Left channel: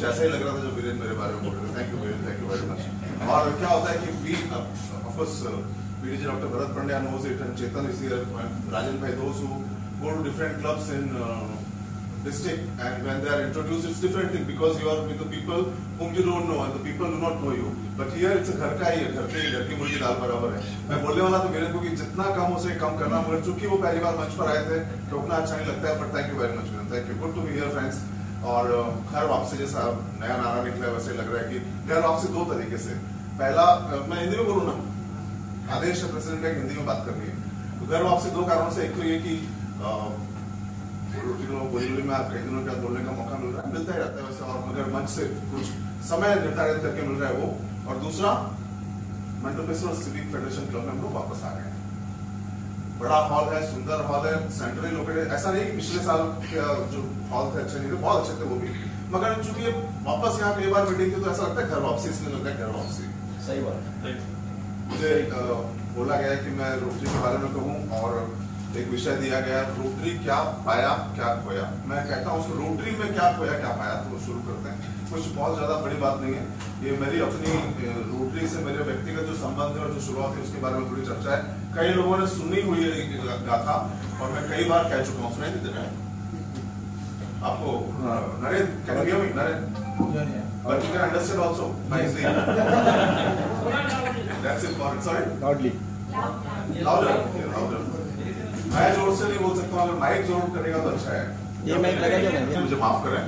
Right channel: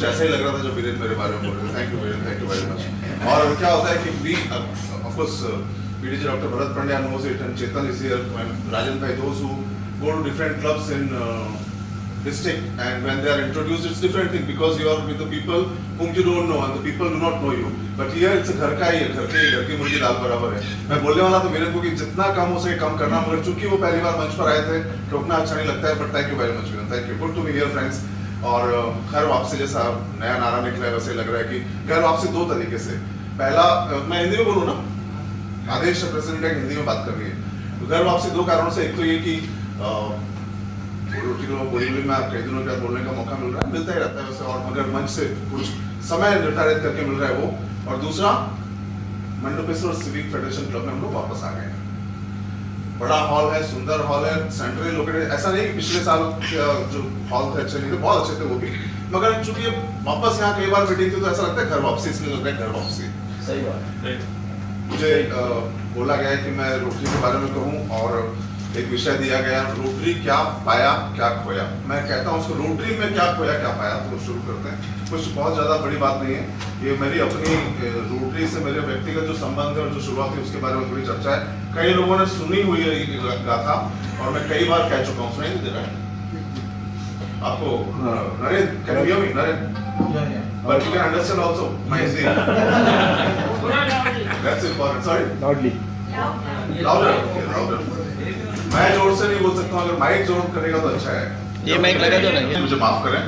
कुछ ऐसा ही लग रहा था जब वीरेंद्र मेरे बारे में बोल रहे थे। Thank you Virendra, thank you very much. और क्या होता है कि we of course PDG Dr. Bharat Pandya knows it and Chetan is here and Rajan bhai, those who go to different clubs in district and when they are introduced it's different thing because you are with the people whom you don't know and the people do not know you, but here it's घर का ही है, घर की मुर्गी दाल बराबर है। मैं बोलने वाला था वीरेंद्र को कि जितना कम हो सके कम करना, मगर चूंकि वो पहली बार मंच पर आए थे रोकना अच्छा नहीं लगता है, but thank you very much Virendra, thank you, good to be here friends. और घर वापसी जैसा नया नारा निकला है वैसे लग रहा है कि घर वापसी दो तरीके से, पहला मैं हिंदी में बोलूँ ना, आदेश प्रेसिडेंट हिंदी में बात कर रही है, घर वापसी दो कारणों से, एक तो ये कि बोली में कई दिनों के बाद बोलने का मौका मिल रहा है, मिलता ही रहता है वैसे, और मगर मंच से कुछ समय निर्धारित करके मिल रहा है वो, और दूसरा मंडपेश्वर सिविक फेडरेशन क्लब में हम लोग वापस आ गए हैं। बड़ा हॉल है, सुंदर हॉल है, सेंट्रली लोकेटेड, ऐसा नहीं कि पिछले साल जो हॉल थे अच्छे नहीं थे, बहुत अच्छे थे वो भी, मगर चूंकि वापस यहाँ कई बार मीटिंग थी तो ऐसा लगता है घर वापसी, इसलिए लगता है घर वापसी। सही बात। मुझे बोला गया है कि मैं रोटरी के बारे में कहूँ और एक विषय दिया गया, रोटरी क्या पाया क्या खोया। मैं कहता हूँ उसको रोटरी में क्या खोया क्या पाया, तो शुरू करते हैं। कुछ बहुत ज्यादा बड़ी बात नहीं है, ये मेरी अपनी रोटरी से मेरे व्यक्तिगत जो संबंध है और जो शुरुआत है उसके बारे में थोड़ी चर्चा है। कई लोगों ने सुनी हुई गाथा और मैं कई बार कह चुका हूँ, सुनाई दे रहा है आपको Narendra, can you hear me Narendra? But you can understand also my Hindi. That's important. Sorry. Loudly. Louder. Okay, louder. मैं जोर से नहीं बोल सकता हूँ, अगर माइक जोर करेगा तो अच्छा है। ये माइक लगा दो ना। मुझे माफ करें,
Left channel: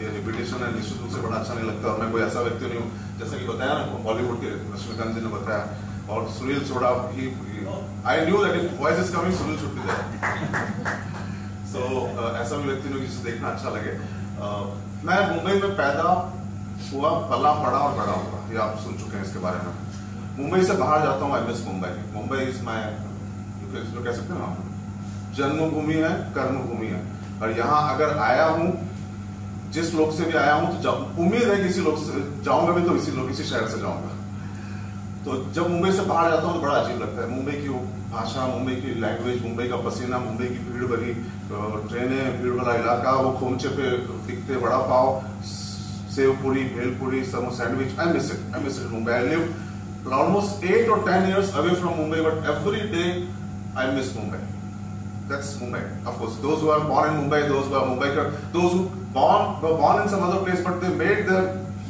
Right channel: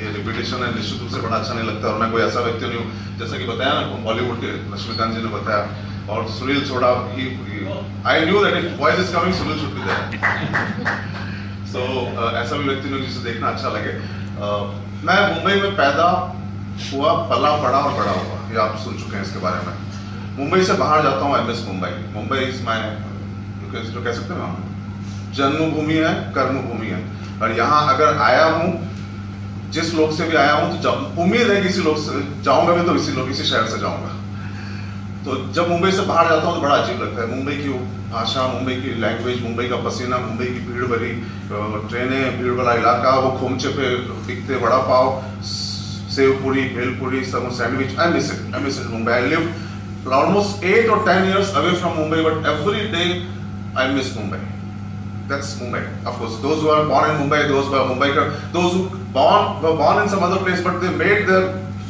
ये रिपीटेशन है, निश्चित रूप से बड़ा अच्छा नहीं लगता और मैं कोई ऐसा व्यक्ति नहीं हूँ, जैसा कि बताया ना बॉलीवुड के लक्ष्मीकांत जी ने बताया, और सुनील छोड़ा, I knew that if voice is coming, Sunil should be there. So ऐसा भी व्यक्ति नहीं जिसे देखना अच्छा लगे। मैं मुंबई में पैदा हुआ, पला पड़ा और बड़ा हुआ, ये आप सुन चुके हैं इसके बारे में। मुंबई से बाहर जाता हूँ, I miss Mumbai. Mumbai is my, जो कह सकते हैं जन्मभूमि है, कर्मभूमि है, और यहाँ अगर आया हूँ, जिस लोग से भी आया हूँ, तो उम्मीद है किसी लोग से जाऊंगा भी तो इसी शहर से जाऊंगा। तो जब मुंबई से बाहर जाता हूँ तो बड़ा अजीब लगता है। मुंबई की भाषा, मुंबई की लैंग्वेज, मुंबई का पसीना, मुंबई की भीड़ भरी ट्रेनें, भीड़ वाला इलाका, वो खोमचे पे बिकते वड़ा पाव, सेव पूरी, bhelpuri, sandwich, I miss it Mumbai. I lived almost 8 or 10 years away from Mumbai, but every day I miss Mumbai. That's Mumbai. Of course, those who are born in Mumbai, those who are Mumbaikar, those who were born in some other place, but they made their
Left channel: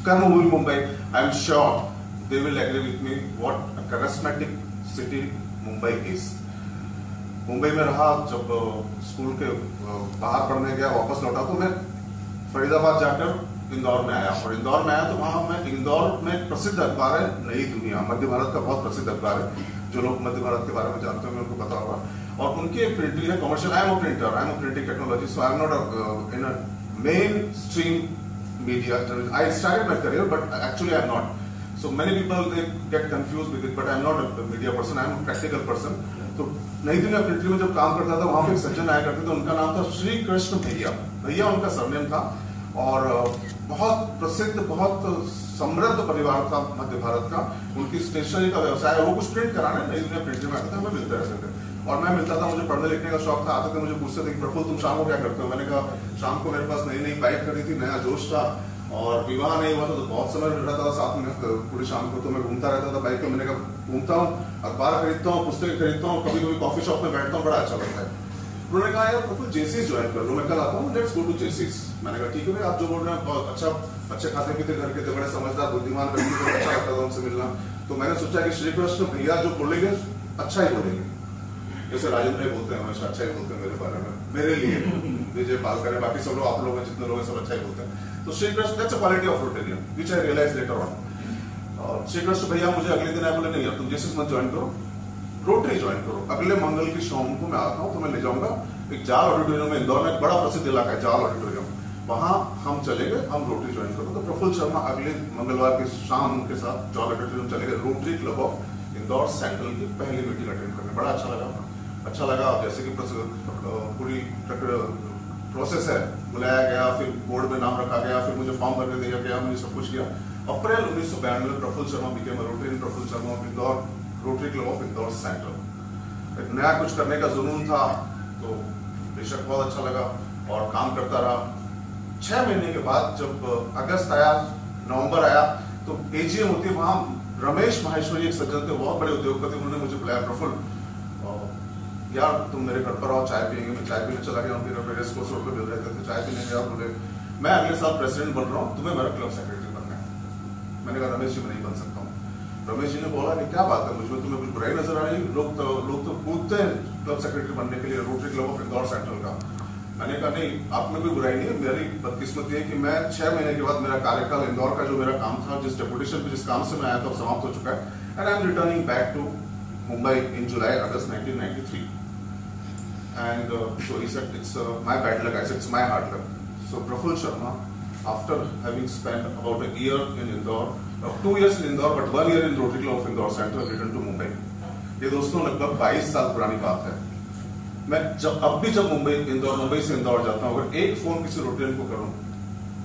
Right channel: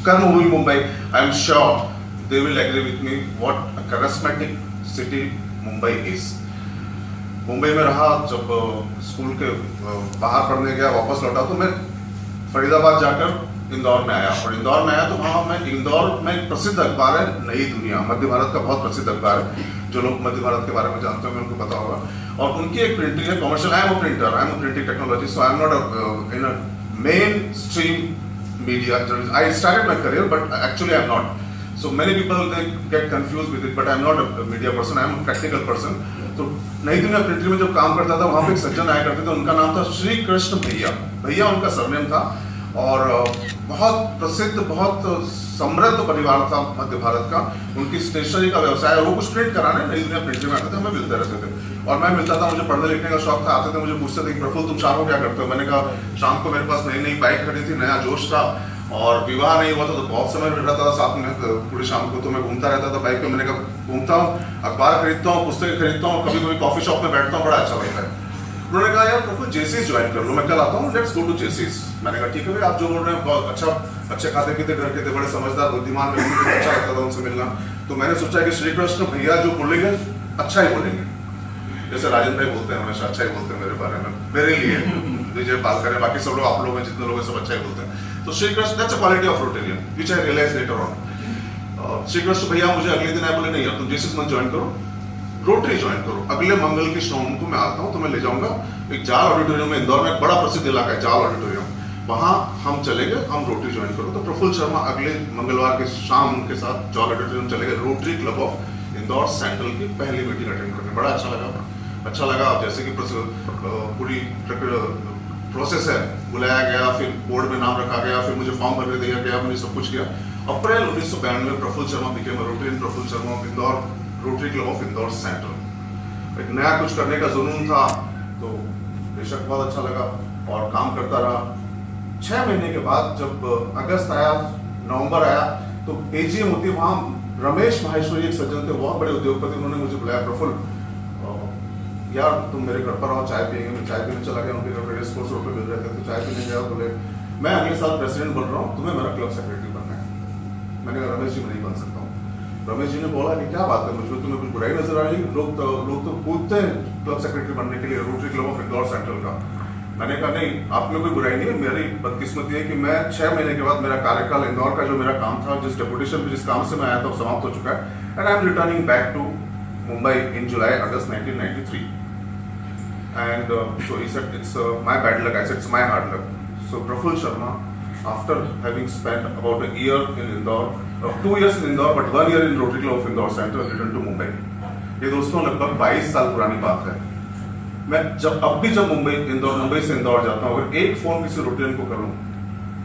karma in Mumbai, I'm sure they will agree with me what a charismatic city Mumbai is. Mumbai में रहा, जब school के बाहर पढ़ने गया, वापस लौटा तो मैं फरीदाबाद जाकर इंदौर में आया, और इंदौर में आया तो वहाँ मैं, इंदौर में एक प्रसिद्ध अखबार है नई दुनिया, मध्य भारत का बहुत प्रसिद्ध अखबार है, जो लोग मध्य भारत के बारे में जानते हैं उनको पता होगा, और उनकी एक प्रिंटिंग है commercial. I am a printer, I am a printing technology, so I am not in a main stream media journalist. I started my career but actually I am not, so many people they get confused with it, but I am not a media person, I am a practical person. तो नई दुनिया printing में जब काम करता था, वहाँ पे एक सज्जन आया करते थे, उनका नाम था श्री कृष्ण भैया, भैया उनका सरनेम था, और बहुत प्रसिद्ध, बहुत समृद्ध परिवार था मध्य भारत का। उनकी स्टेशनरी का व्यवसाय है, वो कुछ प्रिंट कराने नई दुनिया प्रिंटिंग में आते थे, हमें मिलते रहते थे, और मैं मिलता था, मुझे पढ़ने लिखने का शौक था। आते थे, मुझे पूछते थे प्रफुल्ल तुम शाम को क्या करते हो? मैंने कहा शाम को मेरे पास नई नई बाइक खड़ी थी, नया जोश था, और विवाह नहीं हुआ था तो बहुत समय मिल रहा था साथ में, पूरी शाम को तो मैं घूमता रहता था बाइक पे। मैंने कहा घूमता हूँ, अखबार खरीदता हूँ, पुस्तकें खरीदता हूँ, कभी कभी कॉफी शॉप में बैठता हूँ, बड़ा अच्छा लगता है। उन्होंने कहा यार प्रफुल्ल जेसीस ज्वाइन कर लो, मैं कल आता हूँ, लेट्स गो टू जेसीस। मैंने कहा ठीक है भाई, आप जो बोल रहे हैं बहुत अच्छा, अच्छे खाते पीते घर के थे, बड़े समझदार बुद्धिमान व्यक्ति, अच्छा लगता था उनसे मिलना। तो मैंने सोचा कि श्री कृष्ण भैया जो बोलेंगे अच्छा ही बोलेंगे, जैसे राजन भाई बोलते हैं हमेशा अच्छा ही बोलते हैं मेरे बारे में, मेरे लिए विजय बात करें, बाकी सब लोग, आप लोग हैं जितने लोग हैं सब अच्छा ही बोलते हैं। तो Shri Krishna, that's a quality of Rotarian which I realize later on. Shri Krishna भैया मुझे अगले दिन आए, बोले नहीं यार तुम जेसीस मत ज्वाइन करो, रोटरी ज्वाइन करो। अगले मंगल की शाम को मैं आता हूँ, तो मैं ले जाऊंगा एक जाल ऑडिटोरियम में, इंदौर में एक बड़ा प्रसिद्ध इलाका है जाल ऑडिटोरियम, वहां हम चलेंगे, हम रोटरी ज्वाइन करो। तो प्रफुल्ल शर्मा अगले मंगलवार की शाम उनके साथ जाल ऑडिटोरियम चले गए, rotary club of Indore central की पहली मीटिंग अटेंड करने। बड़ा अच्छा लगा, जैसे कि पूरी प्रोसेस है, बुलाया गया, फिर बोर्ड में नाम रखा गया, फिर मुझे फॉर्म भरने दिया गया, मुझे सब कुछ किया। अप्रैल 1992 में Prafulla Sharma became Rotary, Prafulla Sharma of Indore, Rotary club of Indore central. एक नया कुछ करने का जुनून था, तो बेशक बहुत अच्छा लगा और काम करता रहा। 6 महीने के बाद जब अगस्त आया, नवंबर आया, तो एजीएम होती है, वहां रमेश माहेश्वरी एक सज्जन थे, बहुत बड़े उद्योगपति, उन्होंने मुझे बुलाया, प्रफुल्ल यार तुम मेरे घर पर आओ, चाय पियेंगे। मैं चाय पीने चला गया, उनके घर पर रेस कोर्स रोड पे मिल रहे थे, चाय पीने गया, बोले मैं अगले साल प्रेसिडेंट बन रहा हूँ, तुम्हें मेरा क्लब सेक्रेटरी बनना है। मैंने कहा रमेश जी मैं नहीं बन सकता हूँ। रमेश जी ने बोला कि क्या बात है, मुझे तुम्हें कुछ बुराई नजर आ रही है, लोग तो कूदते हैं क्लब सेक्रेटरी बनने के लिए, rotary club of Indore central का। मैंने कहा नहीं, आप में कोई बुराई नहीं है, मेरी बदकिस्मती है कि मैं 6 महीने के बाद मेरा कार्यकाल इंदौर का जो मेरा काम था, जिस डेपुटेशन जिस काम से मैं आया था, समाप्त हो चुका है, and I am returning back to Mumbai in July August 1993. And so he said, it's my bad luck. I said, it's my hard luck. So Praful Sharma, after having spent about a year in Indore, 2 years in Indore, but 1 year in Rotary Club of Indore Center, returned to Mumbai. ये दोस्तों लगभग 22 साल पुरानी बात है। मैं अब भी जब मुंबई से इंदौर जाता हूँ, अगर एक फोन किसी रोटेरियन को करूँ,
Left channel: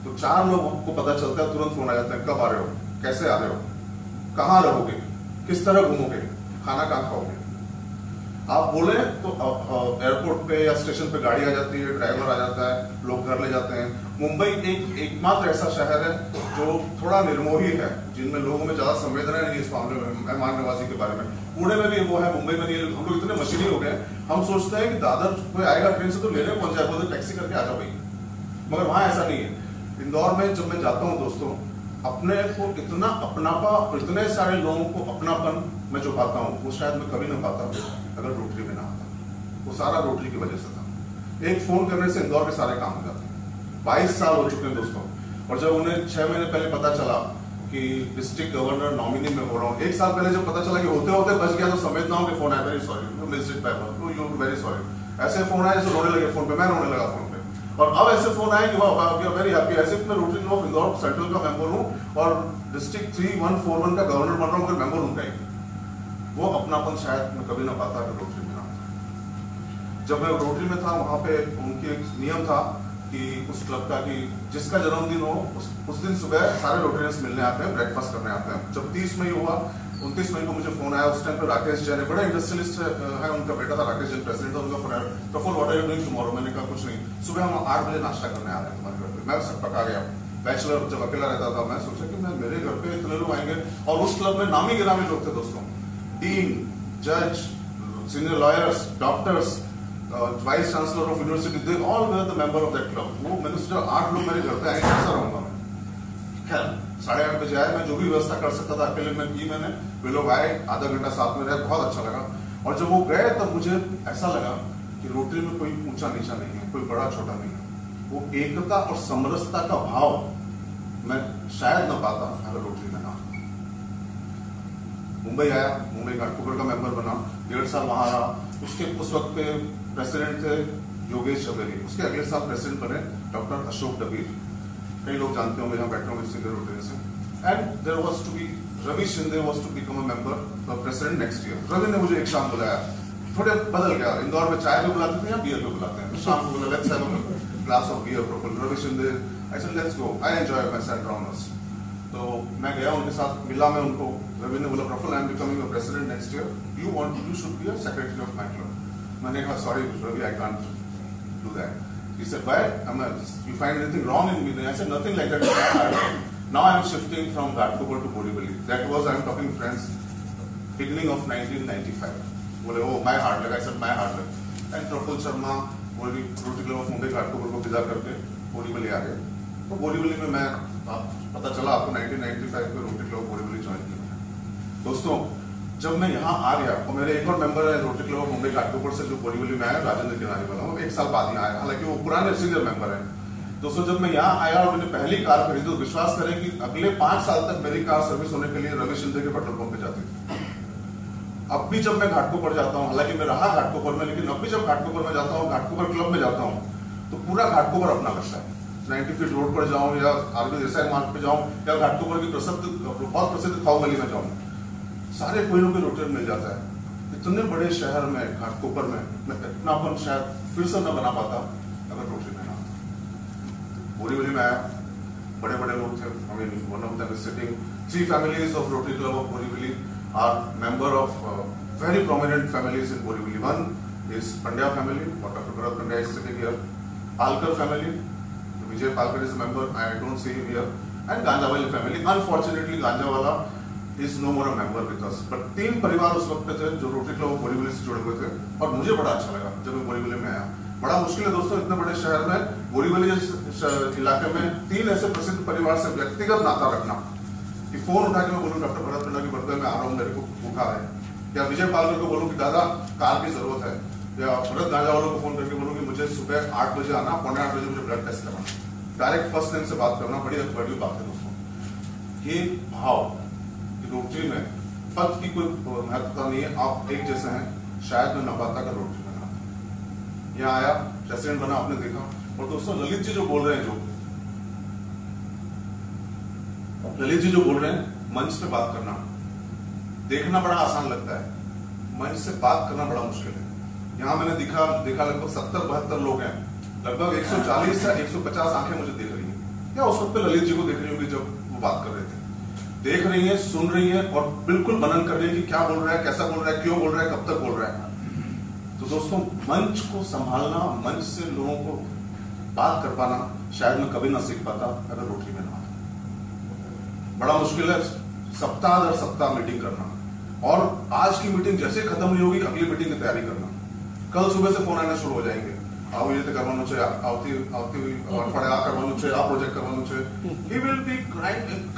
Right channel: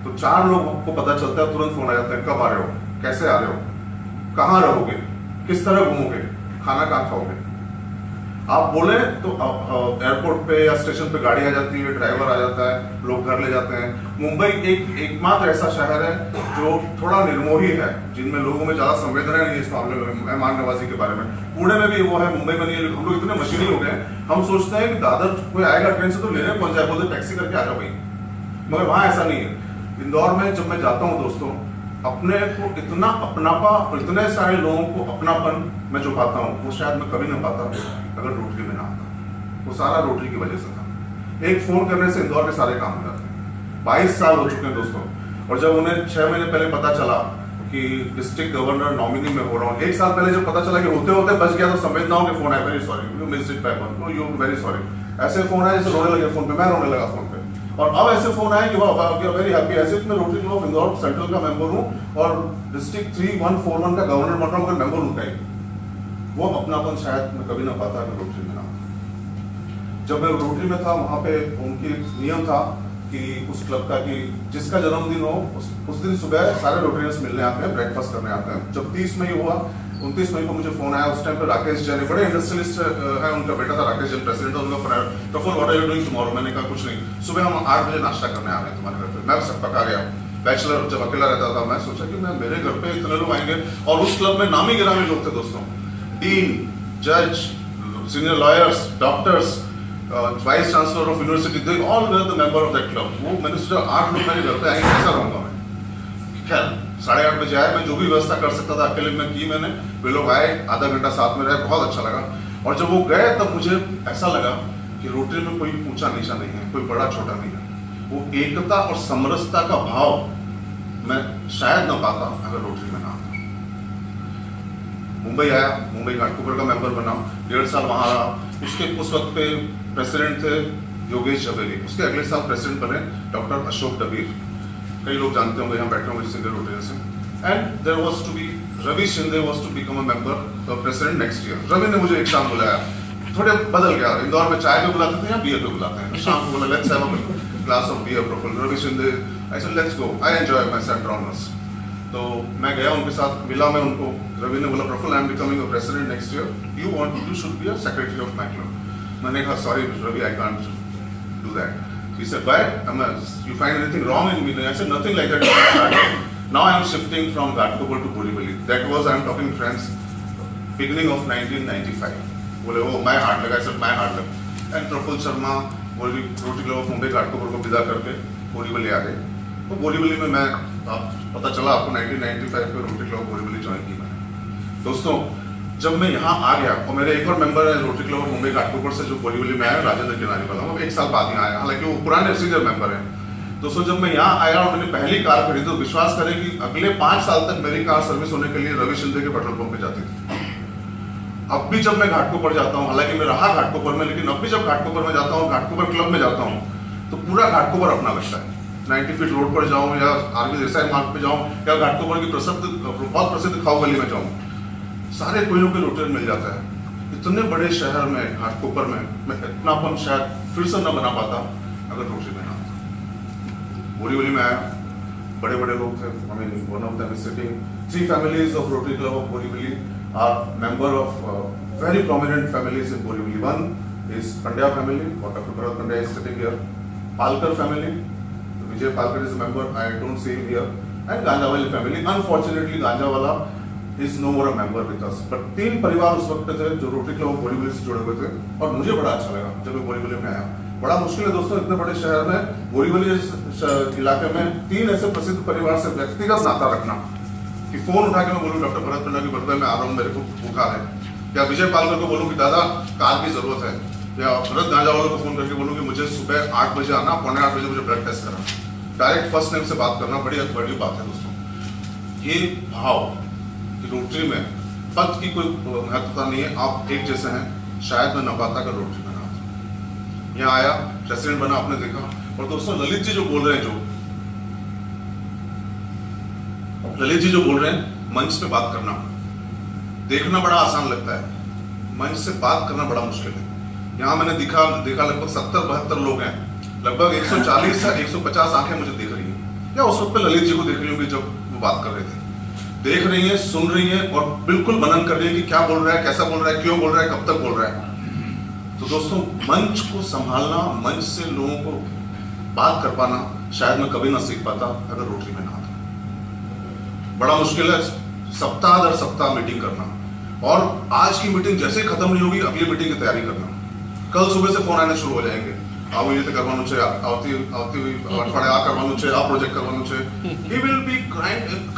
तो 4 लोगों को पता चलता है, तुरंत फोन आ जाता है, कब आ रहे हो, कैसे आ रहे हो, कहाँ रहोगे, किस तरह घूमोगे, खाना कहाँ खाओगे। आप बोले तो एयरपोर्ट पे या स्टेशन पे गाड़ी आ जाती है, ड्राइवर आ जाता है, लोग घर ले जाते हैं। मुंबई एकमात्र ऐसा शहर है जो थोड़ा निर्मोही है, जिनमें लोगों में ज्यादा संवेदना नहीं है इस मामले में, मेहमान नवाजी के बारे में। पुणे में भी वो है, मुंबई में नहीं है, हम लोग इतने मशीनी हो गए, हम सोचते हैं कि दादर कोई आएगा ट्रेन से तो लेने पहुंच जाए, बोलते टैक्सी करके आ जाओ भाई, मगर वहां ऐसा नहीं है। इंदौर में जब मैं जाता हूँ दोस्तों, अपने को इतना अपनापा, इतने सारे लोगों को अपनापन मैं जो पाता हूँ, वो शायद मैं कभी ना पाता अगर रोटरी में ना आता। वो सारा रोटरी की वजह से था। एक फोन करने से इंदौर के सारे काम हो जाते हैं। 22 साल हो चुके हैं दोस्तों, और जब उन्हें 6 महीने पहले पता चला कि डिस्ट्रिक्ट गवर्नर नॉमिनी में हो रहा हूँ, 1 साल पहले जब पता चला कि होते होते बच गया, तो संवेदनाओं के फोन आए, very sorry you missed it by one, you very sorry, ऐसे फोन आए जैसे रोने लगे फोन पे, मैं रोने लगा फोन पे। और अब ऐसे फोन आए कि वाह वेरी हैप्पी, ऐसे मैं rotary club of Indore central का मेंबर हूँ और डिस्ट्रिक्ट 3141 का गवर्नर बन रहा हूँ, मेंबर उनका ही। वो अपनापन शायद मैं कभी ना पाता अगर रोटरी में ना था। जब मैं रोटरी में था, वहां पे उनकी एक नियम था कि उस क्लब का कि जिसका जन्मदिन हो उस दिन सुबह सारे रोटरियंस मिलने आते हैं, ब्रेकफास्ट करने आते हैं। जब 30 मई हुआ, 29 मई को मुझे फोन आया, उस टाइम पे राकेश जैन बड़े इंडस्ट्रियलिस्ट है, उनका बेटा था राकेश जैन, प्रेसिडेंट, उनका Praful what are you doing tomorrow. मैंने कहा कुछ नहीं, सुबह हम 8 बजे नाश्ता करने आ रहे हैं तुम्हारे घर पे। मैं सब पका गया, बैचलर जब अकेला रहता था, मैं सोचा कि मैं मेरे घर पे इतने लोग आएंगे, और उस क्लब में नामी गिरामी लोग थे दोस्तों, डीन, जज, senior lawyers, doctors, vice chancellor of university, they all were the member of that club. वो मैंने सोचा 8 लोग मेरे घर पे आएंगे, कैसा रहूंगा मैं। खैर 8:30 बजे आए, मैं जो भी व्यवस्था कर सकता था अकेले में की मैंने। वे लोग आए, आधा घंटा साथ में रहे, बहुत अच्छा लगा। और जब वो गए तब मुझे ऐसा लगा कि रोटरी में कोई ऊंचा नीचा नहीं है, कोई बड़ा छोटा नहीं है। वो एकता और समरसता का भाव मैं शायद न पाता अगर रोटरी में ना आता। मुंबई आया, मुंबई घाटकोपर का मेंबर बना, 1.5 साल वहां रहा। उसके उस वक्त पे प्रेसिडेंट थे योगेश झवेरी, उसके अगले साल प्रेसिडेंट बने डॉक्टर अशोक डबीर, कई लोग जानते होंगे, यहाँ बैठे होंगे सिंगर रोटरी से। And there was to be Ravi Shinde was to become a member the president next year. Ravi ने मुझे एक शाम बुलाया, थोड़े बदल गया, इंदौर में चाय पे बुलाते थे या बियर पे बुलाते हैं, शाम को बोला let's have a glass of beer. Prafulla, Ravi Shinde, I said let's go, I enjoy my centre honours. तो मैं गया, उनके साथ मिला मैं उनको। रवि ने बोला Prafulla I am becoming a president next year, you should be a secretary of my club. मैंने कहा sorry Ravi, I can't do that. He said, why? You find anything wrong in me? I said, nothing like that. Now I am shifting from Ghatkopar to Borivali. That was, I am talking friends, beginning of 1995. बोले, oh, my hard luck. I said, my hard luck. And Praful Sharma, Rotary Club of Mumbai Ghatkopar को विदा करके बोरीवली आ गए। तो बोरीवली में मैं, पता चला आपको 1995 में रोटरी क्लब बोरीवली ज्वाइन की। दोस्तों जब मैं यहाँ आ गया, और मेरे एक और मेंबर है rotary club of Mumbai Ghatkopar से जो बोरीवली में आया, राजेंद्र किनारी वाला, वो 1 साल बाद ही आया, हालांकि वो पुराने सीनियर मेंबर है। दोस्तों जब मैं यहाँ आया और मैंने पहली कार खरीदी, तो विश्वास करें कि अगले 5 साल तक मेरी कार सर्विस होने के लिए रवि शिंदे के पेट्रोल पंप पे जाती थी। अब भी जब मैं घाटकोपर जाता हूँ, हालांकि मैं रहा घाटकोपर में, लेकिन अब भी जब घाटकोपर में जाता हूँ, घाटकोपर क्लब में जाता हूँ, तो पूरा घाटकोपर अपना लगता है। 90 फीट रोड पर जाऊँ या आरबी देसाई मार्ग पे जाऊँ या घाटकोपर की बहुत प्रसिद्ध खाऊ गली में जाऊँ, सारे कोयलों के रोटेरियन मिल जाता है। इतने बड़े शहर में घाटकोपर में मैं इतनापन शायद फिर से न बना पाता अगर रोटरी में ना आता। बोरीवली में आया, बड़े बड़े लोग थे, I mean, one of them is sitting. 3 families of Rotary Club of Borivali are member of very prominent families in Borivali. One is Pandya family, Dr. Bharat Pandya is sitting here. Palkar family, Vijay Palkar is a member. I don't see him here. And Ganjawala family. Unfortunately, Ganjawala is no more a member with us. But 3 परिवार उस वक्त थे जो rotary club Borivali से जुड़े हुए थे और मुझे बड़ा अच्छा लगा जब मैं बोरीवली में आया। बड़ा मुश्किल है दोस्तों इतने बड़े शहर में बोरीवली इलाके में 3 ऐसे प्रसिद्ध परिवार से व्यक्तिगत नाता रखना कि फोन उठा के मैं बोलूँ डॉक्टर भरत बिरला की बर्थडे में आ रहा हूँ, मेरे को बुखार है, या विजय पालकर को बोलूँ कि दादा कार की जरूरत है, या भरत गांजावाला को फोन करके बोलूँ कि मुझे सुबह 8 बजे आना, 7:45 बजे मुझे ब्लड टेस्ट करना। डायरेक्ट फर्स्ट नेम से बात करना बड़ी बात है दोस्तों। ये भाव रोटरी में पद की कोई महत्वता नहीं है, आप एक जैसे हैं। शायद मैं नवाता का रोटरी में ना यहाँ आया, प्रेसिडेंट बना, आपने देखा। और दोस्तों ललित जी जो बोल रहे हैं, मंच पे बात करना देखना बड़ा आसान लगता है, मंच से बात करना बड़ा मुश्किल है। यहाँ मैंने देखा लगभग 70-72 लोग हैं, लगभग 140 से 150 आंखें मुझे देख रही हैं, या उस वक्त पे ललित जी को देख रही होंगी जब वो बात कर रहे थे, देख रही हैं, सुन रही हैं और बिल्कुल मनन कर रही है कि क्या बोल रहा है, कैसा बोल रहा है, क्यों बोल रहा है, कब तक बोल रहा है। तो दोस्तों मंच को संभालना, मंच से लोगों को बात कर पाना शायद मैं कभी ना सीख पाता अगर रोटरी में ना आता। बड़ा मुश्किल है सप्ताह दर सप्ताह मीटिंग करना, और आज की मीटिंग जैसे खत्म नहीं होगी अगली मीटिंग की तैयारी करना। कल सुबह से फोन आने शुरू हो जाएंगे, आओ ये करवाना चाहिए, આવતી हुई અઠવાડિયે આ કરવાનું છે, આ પ્રોજેક્ટ કરવાનું છે। he will be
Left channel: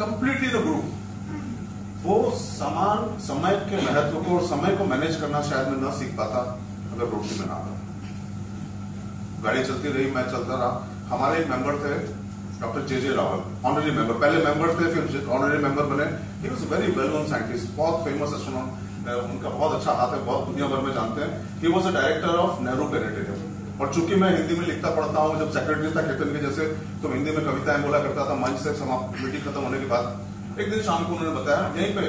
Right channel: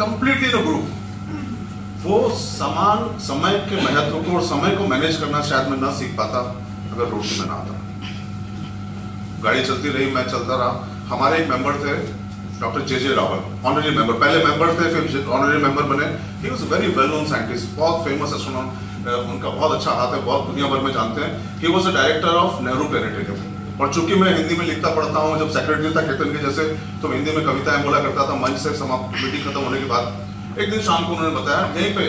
completely in a group। वो समान समय के महत्व को और समय को मैनेज करना शायद मैं ना सीख पाता अगर रोटरी में ना आता। गाड़ी चलती रही, मैं चलता रहा। हमारे एक मेंबर थे डॉक्टर जे रावल, ऑनररी मेंबर, पहले मेंबर थे फिर ऑनररी मेंबर बने। He was very well known scientist, बहुत फेमस एस्ट्रोनॉम, उनका बहुत अच्छा हाथ है, बहुत दुनिया भर में जानते हैं। He was a director of Nehru planetarium. और चूंकि मैं हिंदी में लिखता पढ़ता हूँ, जब सेक्रेटरी था केतन के जैसे, तो हिंदी में कविताएं बोला करता था। मंच से समाप्त मीटिंग खत्म होने के बाद एक दिन शाम को उन्होंने बताया, यहीं पे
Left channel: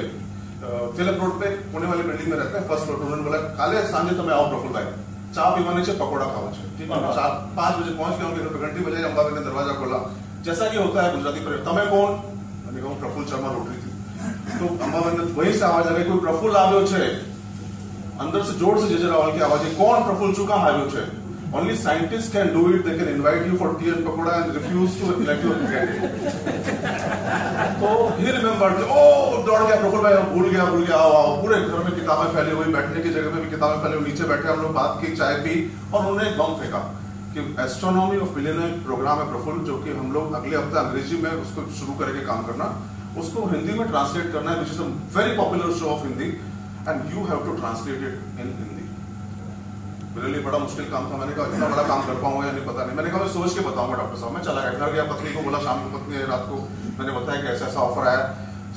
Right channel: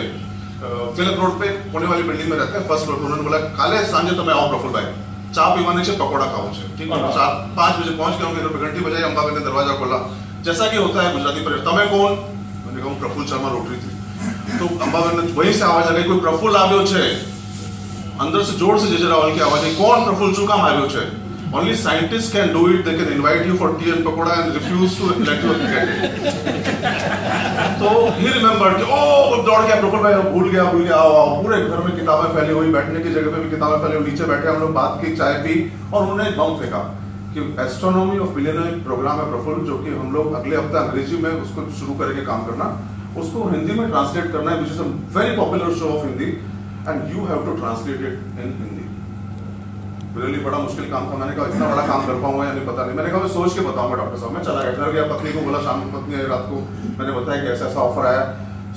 तिलक रोड पे पुणे वाली बिल्डिंग में रहते हैं, फर्स्ट फ्लोर। उन्होंने बोला काले सांझे तो मैं आओ प्रफुल भाई, चा पीवाने से पकौड़ा खाओ छे, ठीक है। 4-5 बजे पहुंच गया, उनके घंटी बजाई, अंबाबेन ने दरवाजा खोला। जैसा कि होता है गुजराती पर, तमे कौन? मैंने कहा प्रफुल शर्मा रोटरी थी। तो अंबाबेन ने वहीं से आवाज आ गई, कोई प्रफुल આવ્યો છે। अंदर से जोर से जे रावल की आवाज आई, कौन प्रफुल શું કામ આવ્યો છે? Only scientists can do it. They can invite you for tea and pakoda and refuse to let you get it. तो he remembered कि ओ दौड़ गया प्रफुल भाई, भूल गया, आओ। पूरे घर में किताबें फैली हुई, बैठने की जगह पे भी किताबें फैली हुई, नीचे बैठे हम लोग बात की, चाय पी, और उन्होंने बम फेंका कि एस्ट्रोनॉमी ऑफ बिलियनर प्रोग्राम है प्रफुल, जो कि हम लोग अगले हफ्ते अंग्रेजी में उसको शुरू करेंगे काम करना, उसको हिंदी में ट्रांसलेट करना है, which is a very popular show of Hindi, and you have to translate it in Hindi. Really बड़ा मुश्किल काम था। मैंने कहा इतना बड़ा काम कर पाऊंगा या नहीं पता नहीं। मैंने कहा मैं सोच के बताऊंगा डॉक्टर साहब। मैं चला घर गया, पत्नी को बोला, शाम को पत्नी आई, रात को मैंने बताया कि ऐसा ऑफर आया।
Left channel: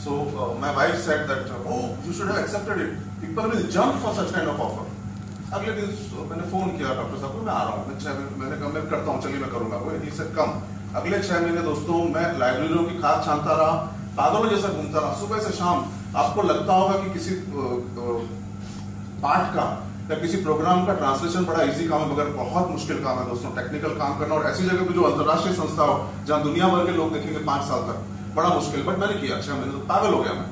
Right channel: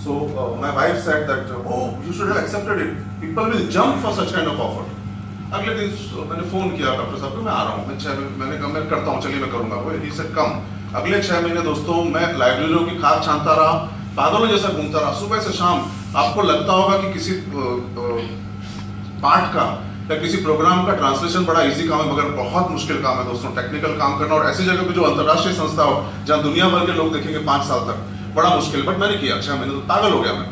So my wife said that oh you should have accepted it, people will jump for such kind of offer. अगले दिन मैंने फोन किया डॉक्टर साहब को, मैं आ रहा हूँ। मैंने कहा मैं करता हूँ, चलिए मैं करूंगा। वो ही सेड कम। अगले 6 महीने दोस्तों मैं लाइब्रेरियों की खाद छानता रहा, पागलों जैसा घूमता रहा, सुबह से शाम। आपको लगता होगा कि किसी पाठ का या किसी प्रोग्राम का ट्रांसलेशन बड़ा इजी काम है, मगर बहुत मुश्किल काम है दोस्तों, टेक्निकल काम करना, और ऐसी जगह पे जो अंतर्राष्ट्रीय संस्था हो जहां दुनिया भर के लोग देखेंगे 5 साल तक, बड़ा मुश्किल। बट मैंने किया 6 महीने, तो पागल हो गया मैं।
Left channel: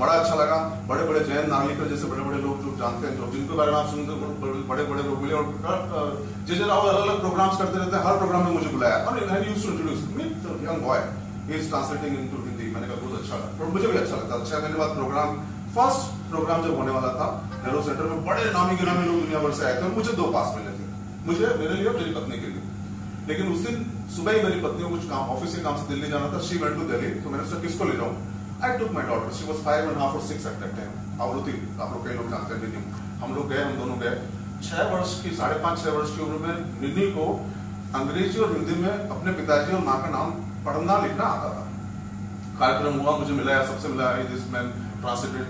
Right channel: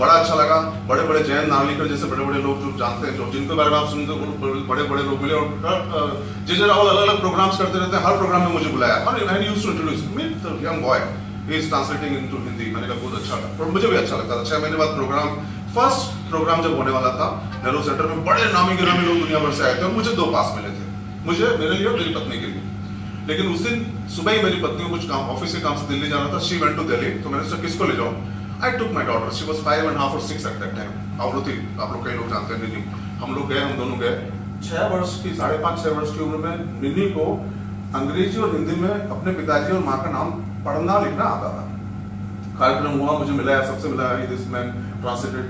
बड़ा अच्छा लगा। बड़े बड़े जयंत नार्लिकर जैसे बड़े बड़े लोग जो जानते हैं, जो जिनके बारे में आप सुनते हो, बड़े बड़े लोग मिले। और जे रावल अलग अलग प्रोग्राम्स करते रहते हैं, हर प्रोग्राम में मुझे बुलाया, और I used to introduce me the young boy, he is translating into Hindi. मैंने कहा बहुत अच्छा लगा, और मुझे भी अच्छा लगता था। 6 महीने बाद प्रोग्राम, फर्स्ट प्रोग्राम जब होने वाला था नेहरू सेंटर में, बड़े नामी गिरामी लोग दुनिया भर से आए थे, और मुझे 2 पास मिले थे, मुझे, मेरे लिए और मेरी पत्नी के लिए। लेकिन उस दिन सुबह ही मेरी पत्नी को कुछ काम, ऑफिस के काम से दिल्ली जाना था। शी वेंट टू दिल्ली, तो मैंने सोचा किसको ले जाऊं। I took my daughter, she was 5.5 or 6 at that time. आवृत्ति आप लोग कई लोग जानते हैं, निधि। हम लोग गए, हम दोनों गए। 6 वर्ष की, 5.5-6 वर्ष की उम्र में निधि को अंग्रेजी और हिंदी में अपने पिताजी और माँ का नाम पढ़ना लिखना आता था। कार्यक्रम हुआ, मुझे मिला है, सबसे मिला है, this man translated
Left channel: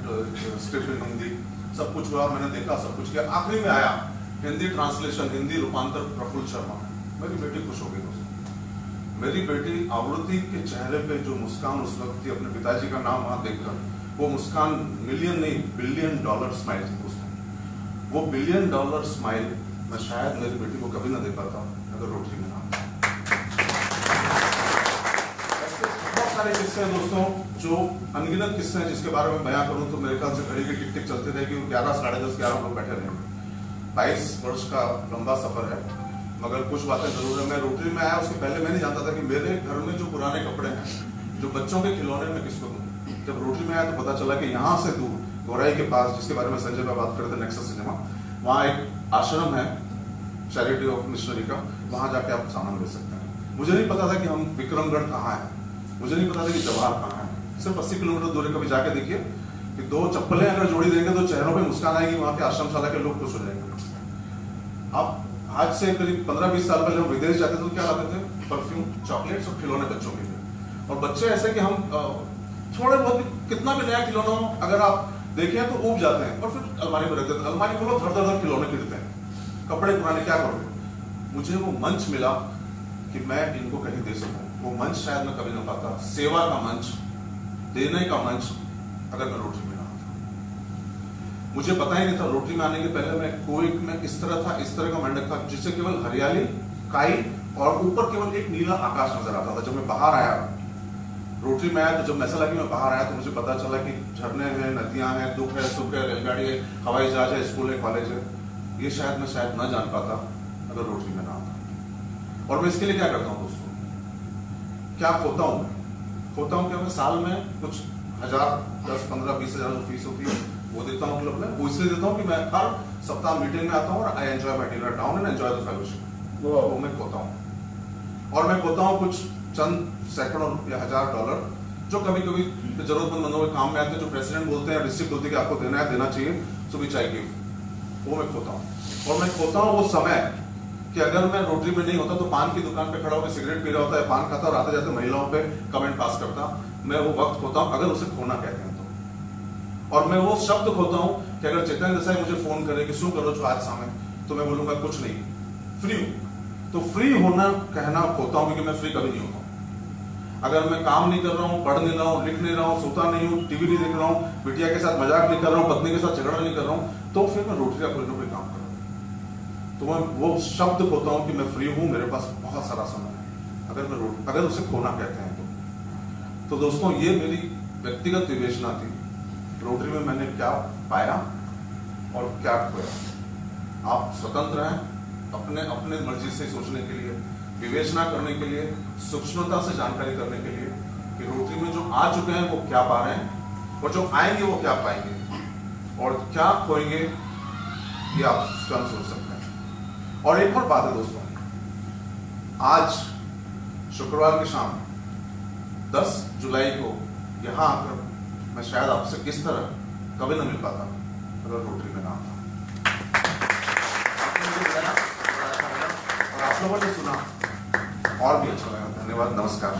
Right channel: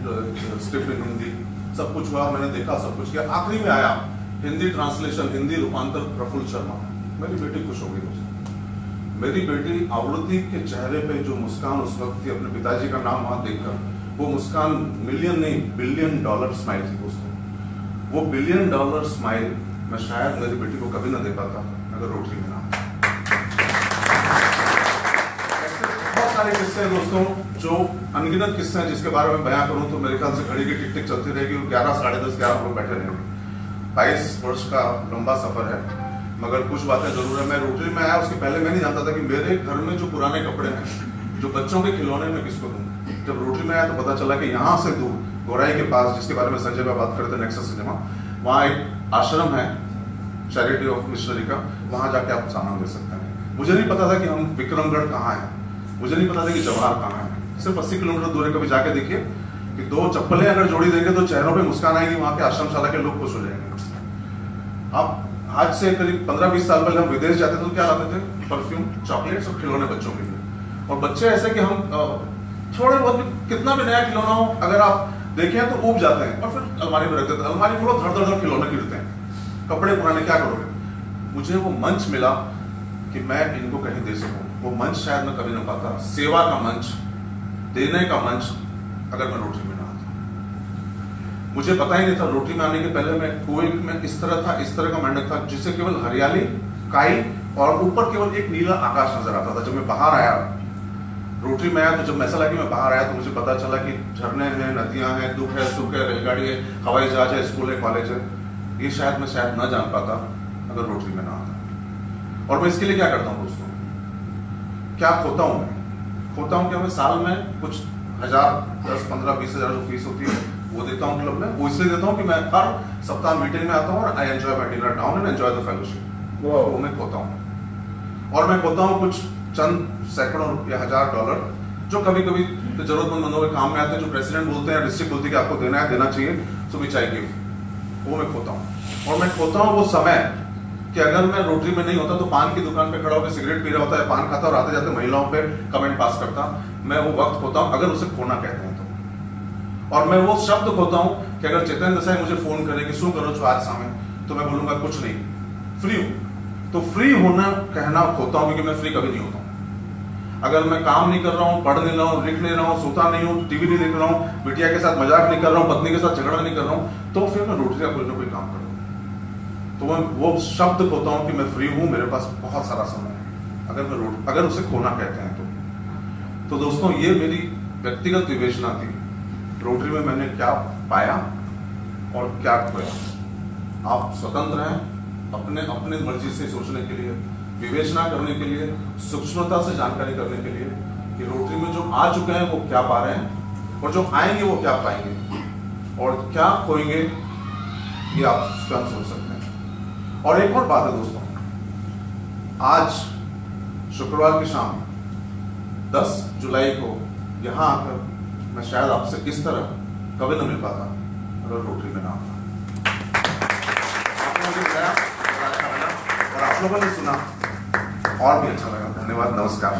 script in Hindi, सब कुछ हुआ, मैंने देखा, सब कुछ किया। आखिरी में आया हिंदी ट्रांसलेशन, हिंदी रूपांतर प्रफुल शर्मा। मेरी बेटी खुश हो गई दोस्तों। मेरी बेटी आवृत्ति के चेहरे पे जो मुस्कान उस वक्त थी, अपने पिताजी का नाम वहां देखकर, वो मुस्कान मिलियन नहीं $1 बिलियन स्माइल थी दोस्तों। वो $1 बिलियन स्माइल मैं शायद मेरी बेटी को कभी ना दे पाता अगर रोटरी में ना। सारे किस्से हैं दोस्तों, जो अनगिनत किस्से हैं, जिसके बारे में बयां करूं तो मेरे ख्याल से घड़ी की टिक टिक चलती रहेगी। 11, 10:30, 11 लोग बैठे रहेंगे। 22 वर्ष का लंबा सफर है। मगर कुछ बातें जरूर है। मैं रोटरी में आया उसके पहले मैं नहीं जानता था कि मेरे घर में जो पुराने कपड़े हैं, जो बच्चों के खिलौने में किसको दूं। जब रोटरी में आया तो पता चला कि यहाँ से दूर गोराई के पास, जिसके बारे में संजय का बात करते थे, नेक्सस सिनेमा, वहाँ एक आश्रम है चैरिटी ऑफ मिशनरी का, वहां जाके आप सामान ले सकते हैं। मुझे नहीं पता था कि हम विक्रमगढ़ कहाँ है, मुझे नहीं पता था कि जवाहर कहाँ है। सिर्फ 80 किलोमीटर दूर कभी जाके देखिए कि 2 चप्पलें अगर जोड़ी देंगे तो चेहरों पे मुस्कान आएगी, वहां के आश्रमशाला के लोग खुश हो जाएंगे। अब आज से करीब 15-20 साल पहले हम विदेश जाते थे तो क्या लाते थे? परफ्यूम, चॉकलेट्स और खिलौने बच्चों के लिए। और बच्चे ऐसे कि हम थोड़े बहुत कितना भी नया खिलौना हो अगर आप देखें तो ऊब जाते हैं और फिर अलमारी में रख देते हैं। अलमारी खोलो, धड़ धड़ धड़ खिलौने गिरते हैं, कपड़े पुराने, क्या करोगे? मुझे वो मंच मिला कि मैं इनको कहीं दे सकूं। वो मंच शायद मैं कभी ना पाता। सेवा का मंच, देने का मंच, अगर मैं रोटरी में ना आता। मुझे पता ही नहीं था, रोटरी में आने के पहले मैं कुएं में इस तरह था, इस तरह का मंडप था जिससे केवल हरियाली, काई और ऊपर केवल एक नीला आकाश नजर आता था। जब मैं बाहर आया, रोटरी में आया, तो जब ऐसा लगा कि मैं बाहर आया तो मुझे पता चला कि झरने हैं, नदियां हैं, दुख है, सुख है, रेलगाड़ी है, हवाई जहाज है, स्कूल है, कॉलेज है। ये शायद मैं न जान पाता अगर रोटरी में ना आता। और मैं इसके लिए क्या करता हूँ दोस्तों, क्या खोता हूँ? खोता हूँ कि मैं साल में कुछ 1000, 10, 15, 20 हजार जो फीस होती है वो देता हूँ क्लब में। वो इसलिए देता हूँ कि मैं हर सप्ताह मीटिंग में आता हूँ और आई enjoy my dinner town and enjoy the fellowship. वो मैं खोता हूँ। और मैं खोता हूँ कुछ चंद सैकड़ों या $1000 जो कभी कभी जरूरतमंद बंदों के काम में आते हैं, जो प्रेसिडेंट बोलते हैं, डिस्ट्रिक्ट बोलते हैं कि आपको देना है, देना चाहिए, सो विच आई गिव। वो मैं खोता हूँ। और मैं खोता हूँ वो समय कि अगर मैं रोटरी में नहीं होता तो पान की दुकान पे खड़ा होकर सिगरेट पी रहा होता है, पान खाता और आते जाते महिलाओं पे कमेंट पास करता। मैं वो वक्त खोता हूँ, अगर उसे खोना कहते हैं तो। और मैं वो शब्द खोता हूँ कि अगर चेतन देसाई मुझे फोन करे कि શું करो છો आज समय, तो मैं बोलूंगा कुछ नहीं, फ्री हूं। तो फ्री होना कहना खोता हूं, क्योंकि मैं फ्री कभी नहीं होता हूं। अगर मैं काम नहीं कर रहा हूं, पढ़ नहीं रहा हूं, लिख नहीं रहा हूं, सोता नहीं हूं, टीवी नहीं देख रहा हूं, बिटिया के साथ मजाक नहीं कर रहा हूं, पत्नी के साथ झगड़ा नहीं कर रहा हूं, तो फिर मैं रोटरी का कोई काम कर रहा हूं। तो मैं वो शब्द खोता हूं कि मैं फ्री हूं, मेरे पास बहुत सारा समय है, अगर उसे खोना कहते हैं तो दोस्तों ये मेरी व्यक्तिगत विवेचना थी। रोटरी में मैंने क्या पाया और क्या खोया। आप स्वतंत्र हैं अपने अपने मर्जी से सोचने के लिए, विवेचना करने के लिए, सूक्ष्मता से जानकारी करने के लिए कि रोटरी में जो आ चुके हैं वो क्या पा रहे हैं और जो आएंगे वो क्या पाएंगे और क्या खोएंगे, ये आप स्वयं सोच सकते हैं। और एक और बात है दोस्तों, आज शुक्रवार की शाम 10 जुलाई को यहां आकर मैं शायद आपसे इस तरह कभी न मिल पाता अगर रोटरी में ना आता। आपने मुझे बताया और आप लोगों ने सुना और भी अच्छा लगा। धन्यवाद, नमस्कार।